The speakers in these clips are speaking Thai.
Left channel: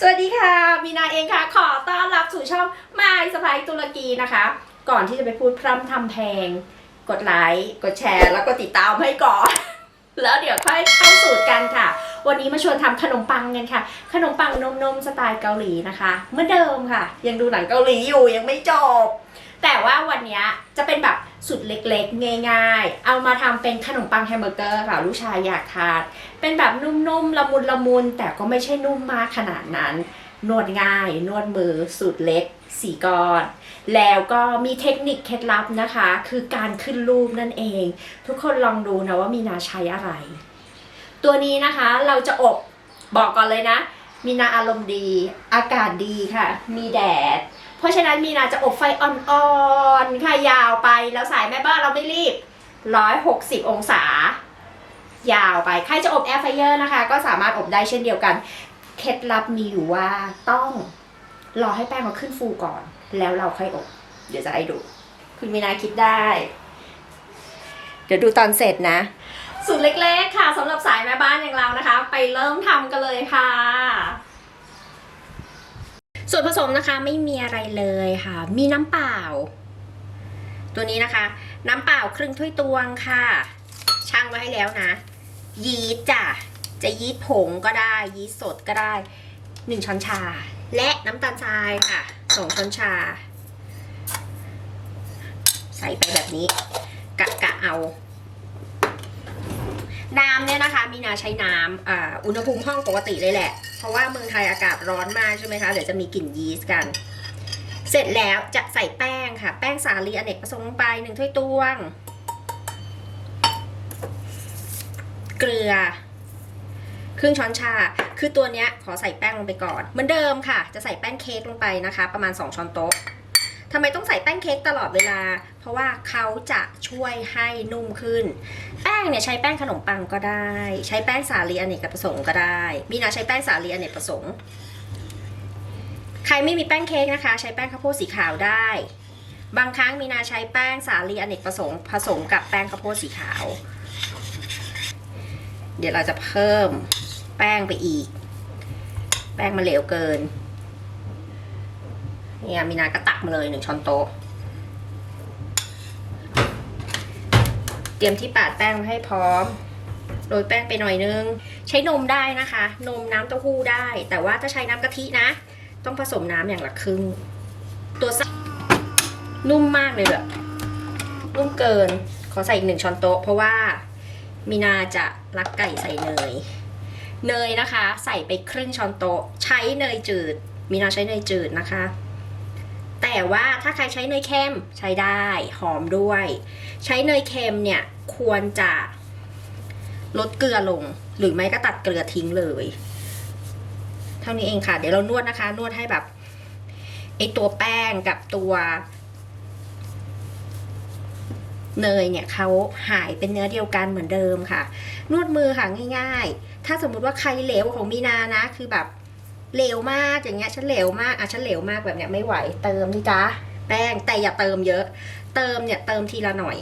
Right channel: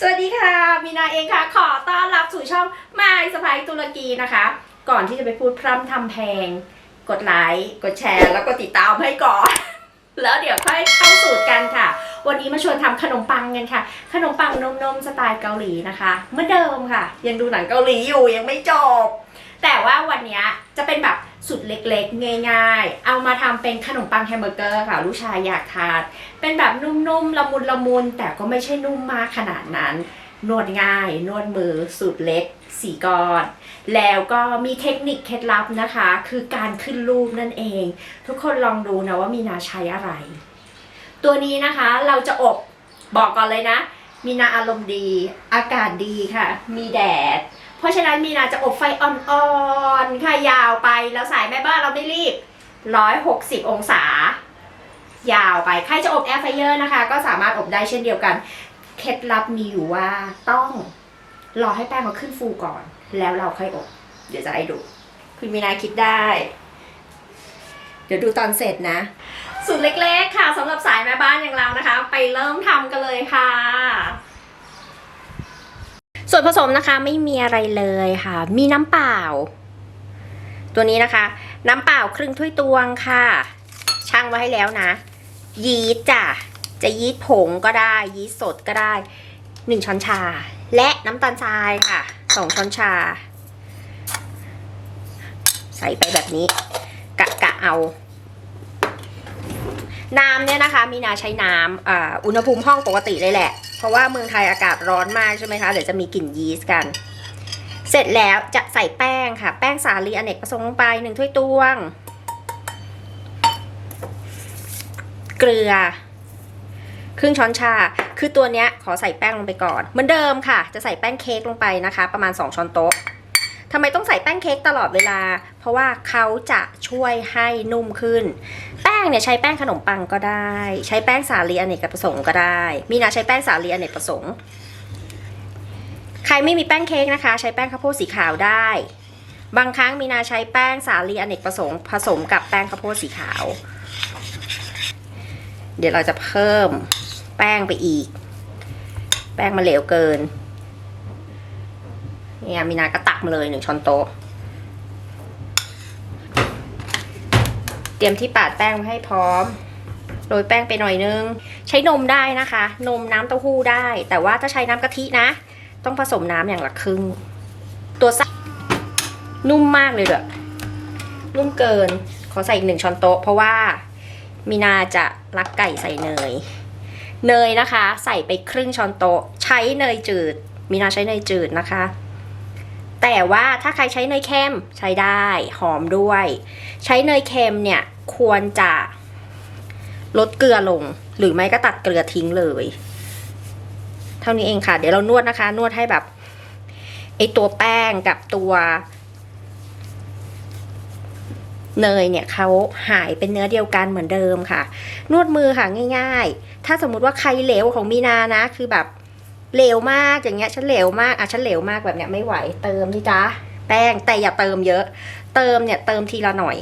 สวัสดีค่ะ มีนาเองค่ะ ขอต้อนรับสู่ช่องมายสไปตุรกีนะคะ ก่อนที่จะไปพูดพร่ำทำเพลง กดไลค์ กดแชร์ แล้วก็ติดตามให้ก่อน แล้วเดี๋ยวค่อยเข้าสูตรกันค่ะ วันนี้มาชวนทำขนมปังกันค่ะ ขนมปังนมนมสไตล์เกาหลีนะคะ เหมือนเดิมค่ะ ยังดูหนังเกาหลีอยู่ยังไม่จบ แต่ว่าวันนี้จะเป็นแบบสุดเล็กๆ ง่ายๆ เอามาทำเป็นขนมปังแฮมเบอร์เกอร์ค่ะลูกชายอยากทานเป็นแบบนุ่มๆ ละมุนละมุนแต่ก็ไม่ใช่นุ่มมากขนาดนั้น นวดง่าย นวดมือสูตรเล็กสี่ก้อน แล้วก็มีเทคนิคเคล็ดลับนะคะ คือการขึ้นรูปนั่นเอง ทุกคนลองดูนะว่ามีนาใช้อะไร ตัวนี้นะคะเราจะอบบอกก่อนเลยนะ มีนาอารมณ์ดี อากาศดีค่ะ มีแดด เพราะฉะนั้นมีนาจะอบไฟอ่อนๆค่ะยาวไปแล้วสายแม่บ้านเราไม่รีบ 160 องศา ยาวไปใครจะอบแอร์ไฟเออร์นะคะ ก็สามารถอบได้เช่นเดียวกัน เคล็ดลับมีอยู่ว่าต้องรอให้แป้งเขาขึ้นฟูก่อน แล้วเราค่อยอบ เดี๋ยวจะให้ดู คุณมีนาคิดได้ เดี๋ยวดูตอนเสร็จนะสูตรเล็กๆค่ะสำหรับสายแม่บ้านอย่างเรานะคะ ไปเริ่มทำกันเลยค่ะ ส่วนผสมนะคะไม่มีอะไรเลยค่ะ มีน้ำเปล่า ตัวนี้นะคะ น้ำเปล่าครึ่งถ้วยตวงค่ะช่างไว้ให้แล้วนะ ยีสต์จ้ะจะยีสต์ผงก็ได้ ยีสต์สดก็ได้หนึ่งช้อนชา และน้ำตาลทรายค่ะสองช้อนชา ใส่ไปแบบนี้ กะกะเอาน้ำเนี่ยนะคะ มีนาใช้น้ำอ,อุณหภูมิห้องปกติเลยแหละ เพราะว่าเมืองไทยอากาศร้อนมากใช่ไหมคะเดี๋ยวจะมีกลิ่นยีสต์กัน เสร็จแล้วจะใส่แป้งค่ะ แป้งสาลีอเนกประสงค์ลงไปหนึ่งถ้วยตวง เกลือ ครึ่งช้อนชา คือตัวเนี้ยขอใส่แป้งลงไปก่อน เหมือนเดิมค่ะ จะใส่แป้งเค้กลงไปนะคะ ประมาณ 2 ช้อนโต๊ะ ทำไมต้องใส่แป้งเค้กตลอดเวลา เพราะว่าเขาจะช่วยให้นุ่มขึ้น แป้งเนี่ยใช้แป้งขนมปังก็ได้ ใช้แป้งสาลีอเนกประสงค์ก็ได้ มีนาใช้แป้งสาลีอเนกประสงค์ ใครไม่มีแป้งเค้กนะคะ ใช้แป้งข้าวโพดสีขาวได้ บางครั้งมีนาใช้แป้งสาลีอเนกประสงค์ ผสมกับแป้งข้าวโพดสีขาว เดี๋ยวเราจะเพิ่มแป้งไปอีก แป้งมาเหลวเกิน เนี่ยมีนาก็ตักมาเลยหนึ่งช้อนโต๊ะ เตรียมที่ปาดแป้งให้พร้อม โรยแป้งไปหน่อยนึง ใช้นมได้นะคะ นมน้ำเต้าหู้ได้ แต่ว่าถ้าใช้น้ำกะทินะ ต้องผสมน้ำอย่างละครึ่ง ตัวไส้นุ่มมากเลยเด้อนุ่มเกิน ขอใส่อีกหนึ่งช้อนโต๊ะ เพราะว่ามีนาจะรักไก่ใส่เนย เนยนะคะ ใส่ไปครึ่งช้อนโต๊ะ ใช้เนยจืด มีนาใช้เนยจืดนะคะ แต่ว่าถ้าใครใช้เนยเค็มใช้ได้หอมด้วย ใช้เนยเค็มเนี่ยควรจะลดเกลือลง หรือไม่ก็ตัดเกลือทิ้งเลย เท่านี้เองค่ะ เดี๋ยวเรานวดนะคะ นวดให้แบบไอตัวแป้งกับตัว เนยเนี่ยเขาหายเป็นเนื้อเดียวกันเหมือนเดิมค่ะ นวดมือค่ะง่าย ๆ ถ้าสมมุติว่าใครเหลวของมีนานะ คือแบบ เหลวมากอย่างเงี้ยฉันเหลวมากอะฉันเหลวมากแบบเนี้ยไม่ไหวเติมนี่จ้าแป้งแต่อย่าเติมเยอะ เติมเนี่ยเติมทีละหน่อย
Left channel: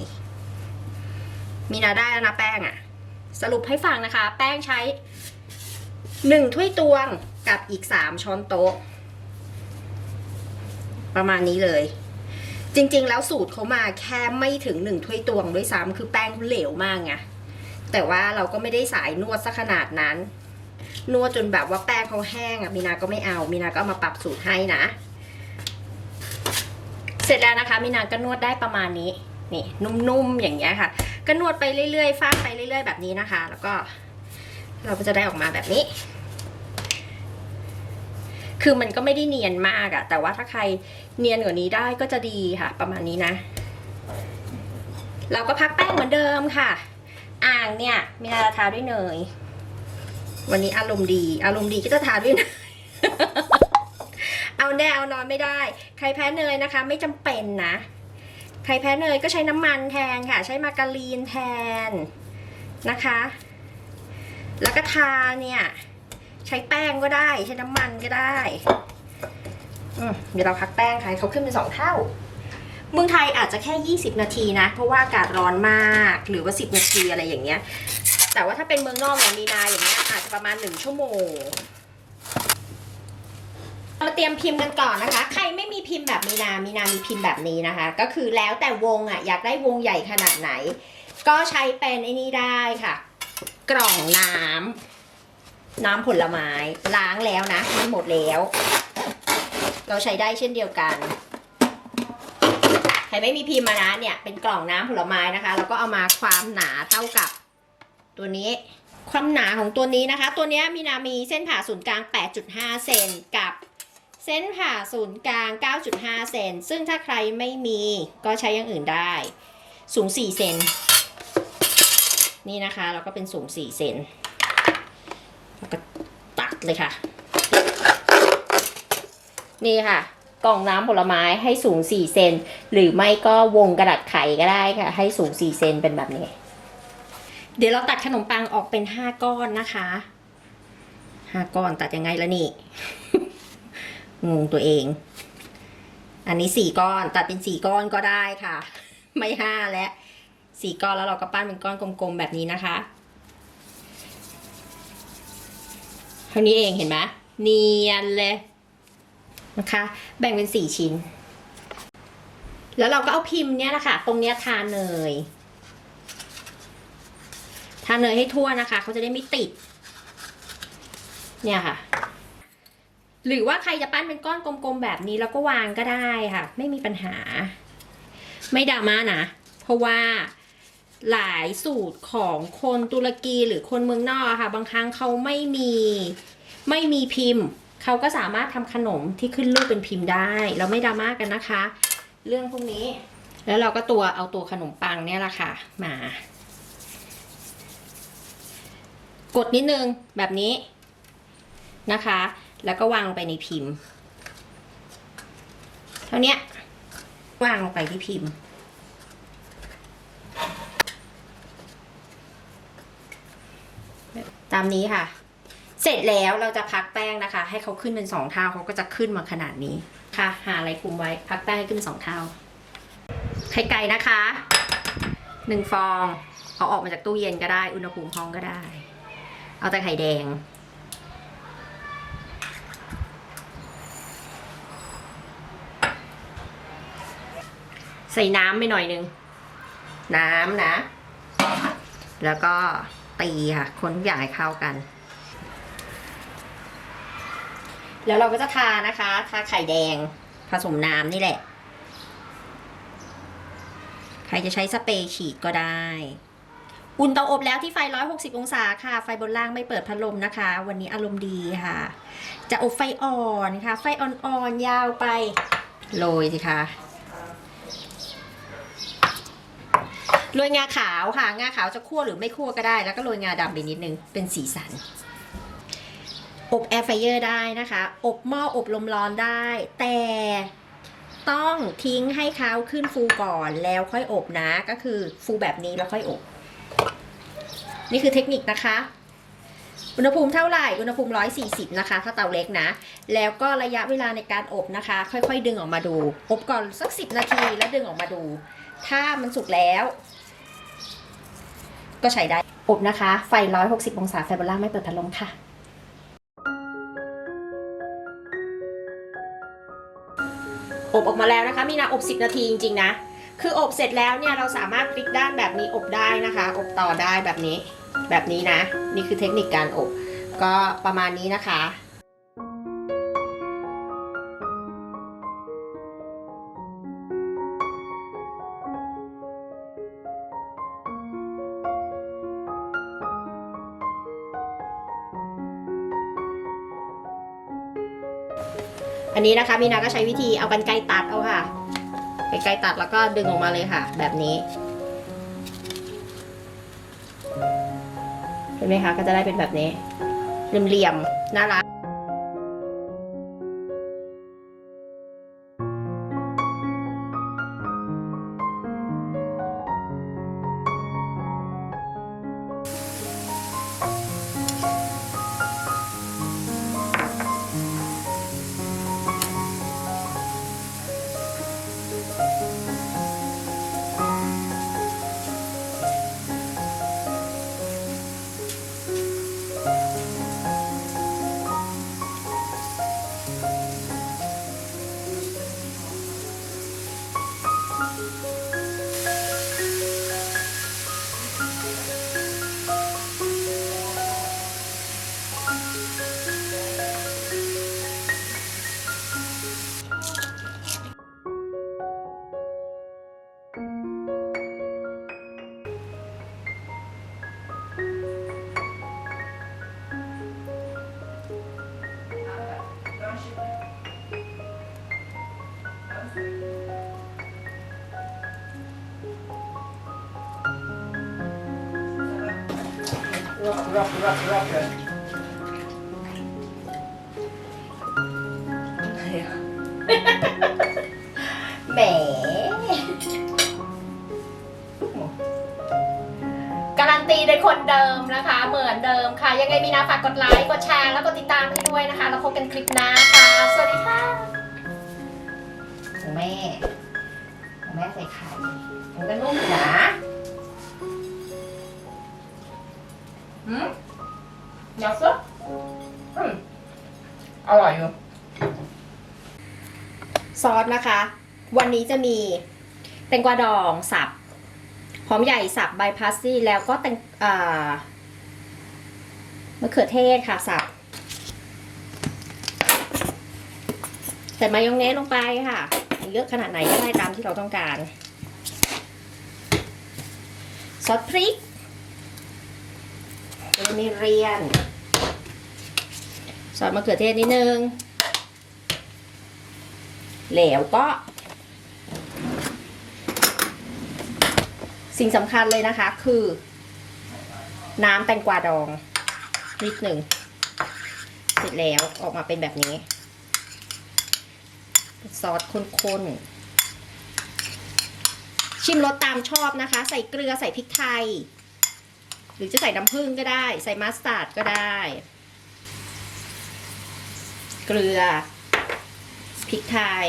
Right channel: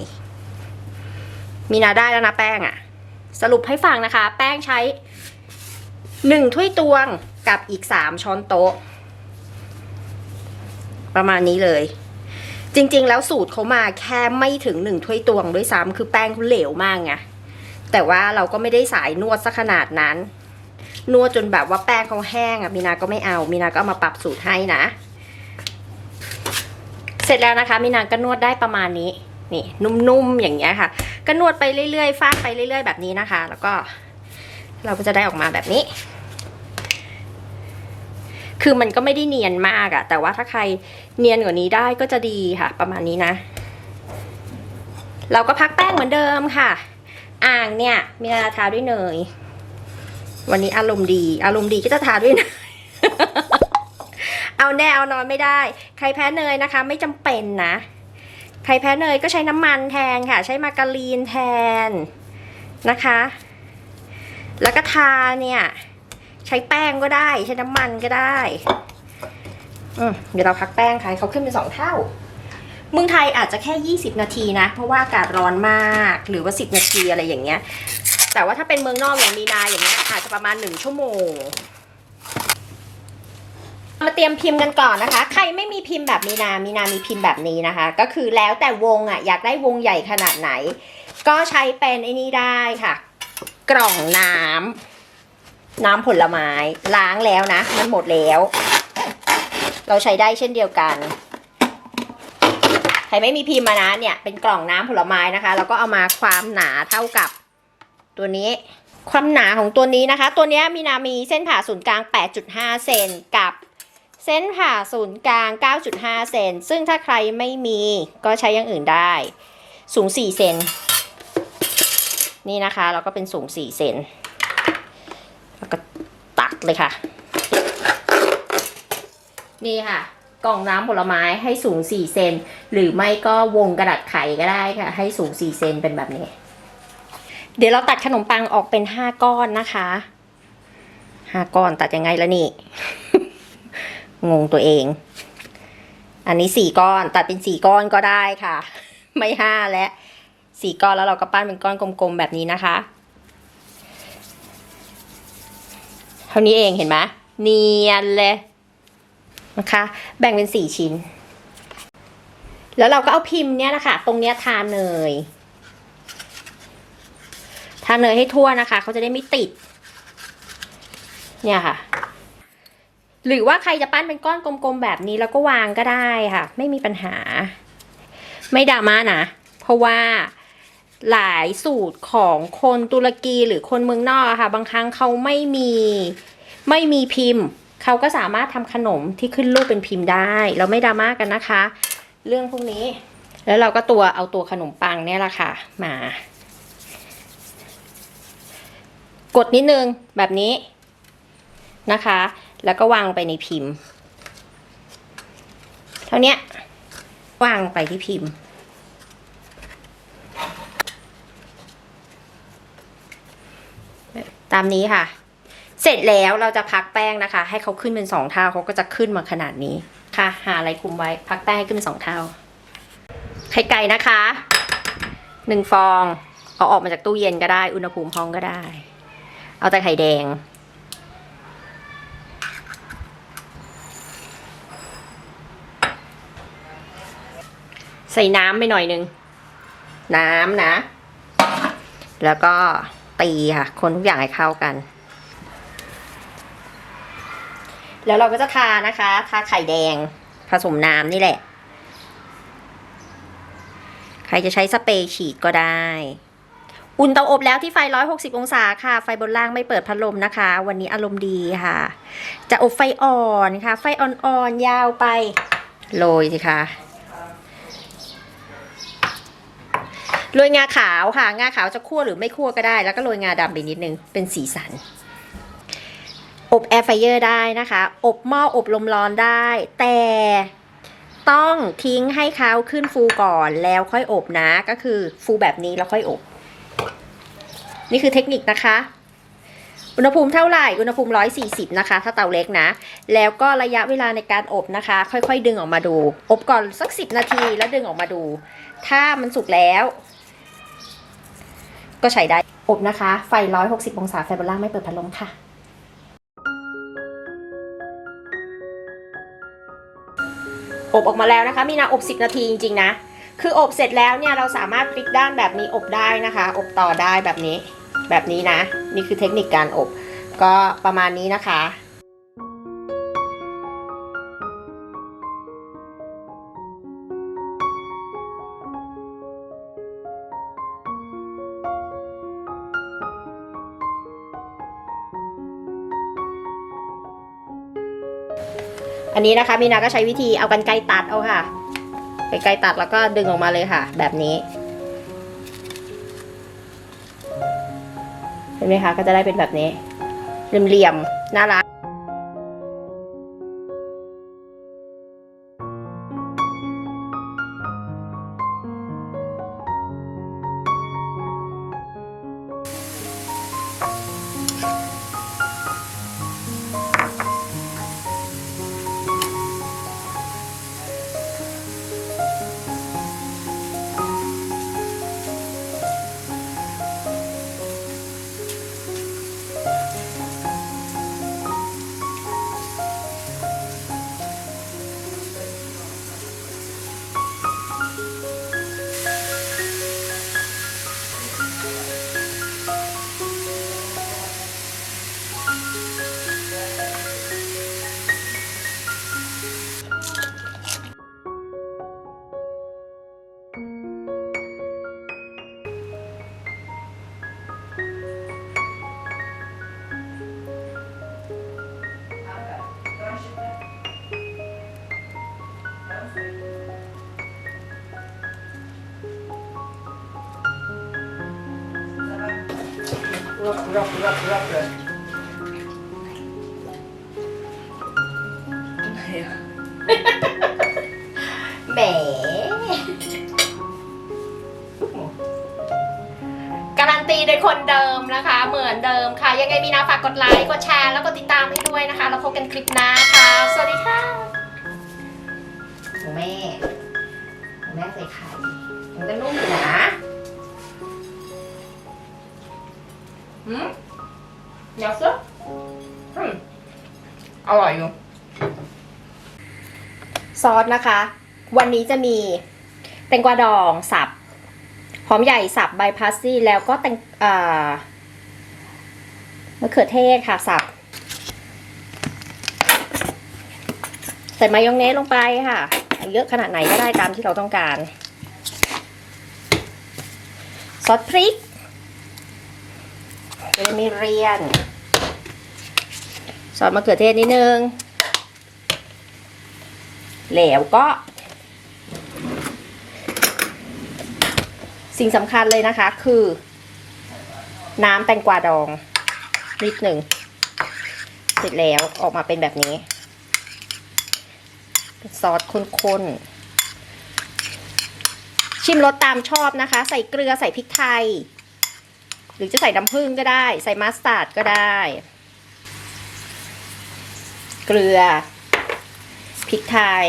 มีนาได้แล้วนะแป้งอะสรุปให้ฟังนะคะ แป้งใช้หนึ่งถ้วยตวงกับอีกสามช้อนโต๊ะ ประมาณนี้เลย จริงๆ แล้วสูตรเขามาแค่ไม่ถึงหนึ่งถ้วยตวงด้วยซ้ำคือแป้งเขาเหลวมากไงแต่ว่าเราก็ไม่ได้สายนวดซะขนาดนั้น นวดจนแบบว่าแป้งเขาแห้งอะมีนาก็ไม่เอามีนาก็เอามาปรับสูตรให้นะ เสร็จแล้วนะคะมีนาก็นวดได้ประมาณนี้นี่นุ่มๆอย่างเงี้ยค่ะ ก็นวดไปเรื่อยๆฟาดไปเรื่อย ๆ แบบนี้นะคะ แล้วก็ เราก็จะได้ออกมาแบบนี้ คือมันก็ไม่ได้เนียนมากอะแต่ว่าถ้าใครเนียนกว่านี้ได้ก็จะดีค่ะ ประมาณนี้นะ เราก็พักแป้งเหมือนเดิมค่ะ อ่างเนี่ยมีนาทาด้วยเนย วันนี้อารมณ์ดี อารมณ์ดีก็จะทาด้วยนยเอาแน่เอานอนไม่ได้ ใครแพ้เนยนะคะ ไม่จำเป็นนะ ใครแพ้เนยก็ใช้น้ำมันแทนค่ะ ใช้มาการีนแทนนะคะ แล้วก็ทาเนี่ย ใช้แป้งก็ได้ ใช้น้ำมันก็ได้อืเดี๋ยวเราพักแป้งค่ะเขาขึ้นเป็นสองเท่าเมืองไทยอาจจะแค่ 20 นาทีนะ เพราะว่าอากาศร้อนมาก หรือว่า 10 นาทีอะไรอย่างเงี้ย แต่ว่าถ้าเป็นเมืองนอกอย่างมีนาอย่างเงี้ยอาจจะประมาณ1ชั่วโมงมาเตรียมพิมพ์กันก่อนนะคะ ใครไม่มีพิมพ์แบบมีนา มีนามีพิมพ์แบบนี้นะคะ ก็คือแล้วแต่วงอะอยากได้วงใหญ่ขนาดไหน ก็ใช้เป็นไอ้นี่ได้ค่ะ กล่องน้ำน้ำผลไม้ล้างแล้วนะมันหมดแล้ว เราใช้ได้เช่นเดียวกัน ใครไม่มีพิมพ์มานะเนี่ยเป็นกล่องน้ำผลไม้นะคะ แล้วก็เอามาความหนาเท่ากับ ตัวนี้ความหนาของตัวนี้นะคะ ตัวนี้มีนามีเส้นผ่าศูนย์กลาง 8.5 เซนกับเส้นผ่าศูนย์กลาง 9.5 เซนซึ่งถ้าใครไม่มีก็ใช้อย่างอื่นได้ สูง 4 เซนนี่นะคะแล้วก็เป็นสูง 4 เซนแล้วก็ตัดเลยค่ะ นี่ค่ะ กล่องน้ำผลไม้ให้สูง 4 เซนหรือไม่ก็วงกระดาษไขก็ได้ค่ะ ให้สูง 4 เซนเป็นแบบนี้ เดี๋ยวเราตัดขนมปังออกเป็น5ก้อนนะคะ5ก้อนตัดยังไงละนี่ งงตัวเอง อันนี้4ก้อนตัดเป็น4ก้อนก็ได้ค่ะ ไม่5และ4ก้อนแล้วเราก็ปั้นเป็นก้อนกลมๆแบบนี้นะคะ เท่านี้เองเห็นไหมเนียนเลยนะคะ แบ่งเป็นสี่ชิ้น แล้วเราก็เอาพิมพ์เนี้ยนะคะ ตรงเนี้ยทาเนย ทาเนยให้ทั่วนะคะเขาจะได้ไม่ติด เนี่ยค่ะ หรือว่าใครจะปั้นเป็นก้อนกลมๆแบบนี้แล้วก็วางก็ได้ค่ะ ไม่มีปัญหา ไม่ดราม่านะ เพราะว่าหลายสูตรของคนตุรกีหรือคนเมืองนอกอะค่ะ บางครั้งเขาไม่มีไม่มีพิมพ์ เขาก็สามารถทำขนมที่ขึ้นรูปเป็นพิมพ์ได้ เราไม่ดราม่ากันนะคะ เรื่องพวกนี้ แล้วเราก็ตัวเอาตัวขนมปังเนี่ยแหละค่ะ มา กดนิดนึงแบบนี้นะคะ แล้วก็วางไปในพิมพ์ เท่านี้วางลงไปที่พิมพ์ ตามนี้ค่ะ เสร็จแล้วเราจะพักแป้งนะคะ ให้เขาขึ้นเป็นสองเท่าเขาก็จะขึ้นมาขนาดนี้ค่ะ หาอะไรคุมไว้ พักแป้งให้ขึ้นเป็นสองเท่าไข่ไก่นะคะหนึ่งฟองเอาออกมาจากตู้เย็นก็ได้ อุณหภูมิห้องก็ได้ เอาแต่ไข่แดง ใส่น้ำไปหน่อยนึง น้ำนะ แล้วก็ตีค่ะ คนทุกอย่างให้เข้ากัน แล้วเราก็จะทานะคะทาไข่แดง ผสมน้ำนี่แหละ ใครจะใช้สเปรย์ฉีดก็ได้ อุ่นเตาอบแล้วที่ไฟ 160 องศาค่ะ ไฟบนล่างไม่เปิดพัดลมนะคะ วันนี้อารมณ์ดีค่ะ จะอบไฟอ่อนค่ะ ไฟอ่อนๆ ยาวไปโรยสิคะโรยงาขาวค่ะ งาขาวจะคั่วหรือไม่คั่วก็ได้ แล้วก็โรยงาดำไปนิดนึง เป็นสีสัน อบแอร์ไฟเยอร์ได้นะคะ อบหม้ออบลมร้อนได้ แต่ต้องทิ้งให้เขาขึ้นฟูก่อนแล้วค่อยอบนะ ก็คือฟูแบบนี้แล้วค่อยอบ นี่คือเทคนิคนะคะ อุณหภูมิเท่าไหร่ อุณหภูมิ 140 นะคะ ถ้าเตาเล็กนะ แล้วก็ระยะเวลาในการอบนะคะ ค่อยๆ ดึงออกมาดู อบก่อนสัก 10 นาทีแล้วดึงออกมาดู ถ้ามันสุกแล้ว ก็ใช้ได้ อบนะคะ ไฟ 160 องศาไฟบนล่างไม่เปิดพัดลมค่ะอบออกมาแล้วนะคะ มีนาอบ 10 นาทีจริงๆนะ คืออบเสร็จแล้วเนี่ยเราสามารถพลิกด้านแบบนี้อบได้นะคะ อบต่อได้แบบนี้ แบบนี้นะ นี่คือเทคนิคการอบ ก็ประมาณนี้นะคะอันนี้นะคะมีนาก็ใช้วิธีเอากันไกรตัดเอาค่ะกันไกรตัดแล้วก็ดึงออกมาเลยค่ะ แบบนี้ ห็นไหมคะ ก็จะได้เป็นแบบนี้เหลี่ยมๆน่ารัก rub, rub, rub it. แหมการันตีโดยคนเดิมนะคะ เหมือนเดิมค่ะ ยังไงมีนาฝากกดไลค์ กดแชร์ แล้วก็ติดตามให้ด้วยนะคะ แล้วพบกันคลิปหน้าค่ะ สวัสดีค่ะของแม่ของแม่ใส่ไข่มันก็นุ่มอยู่นะ เดี๋ยวซึอืมอร่อยอยู่ ซอสนะคะ วันนี้จะมีแตงกวาดองสับ หอมใหญ่สับใบพาสซี่แล้วก็แตงเอ่อมะเขือเทศค่ะสับ ใส่มายองเนสลงไปค่ะ เยอะขนาดไหนก็ได้ตามที่เราต้องการ ซอสพริก จะมีเรียน ซอสมะเขือเทศนิดนึง แล้วก็ สิ่งสำคัญเลยนะคะคือ น้ำแตงกวาดอง นิดหนึ่ง เสร็จแล้วออกมาเป็นแบบนี้ ซอสข้นๆชิมรสตามชอบนะคะ ใส่เกลือใส่พริกไทย หรือจะใส่น้ำผึ้งก็ได้ ใส่มัสตาร์ดก็ได้ เกลือพริกไทย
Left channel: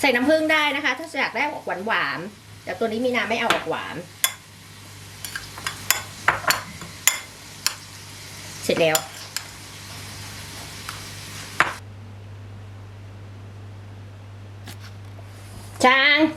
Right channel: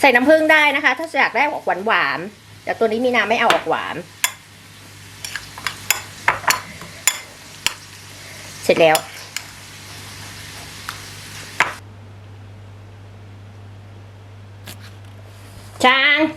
ใส่น้ำผึ้งได้นะคะ ถ้าอยากได้ออกหวานหวานแต่ตัวนี้มีน้ำไม่เอาออกหวาน เสร็จแล้วจาง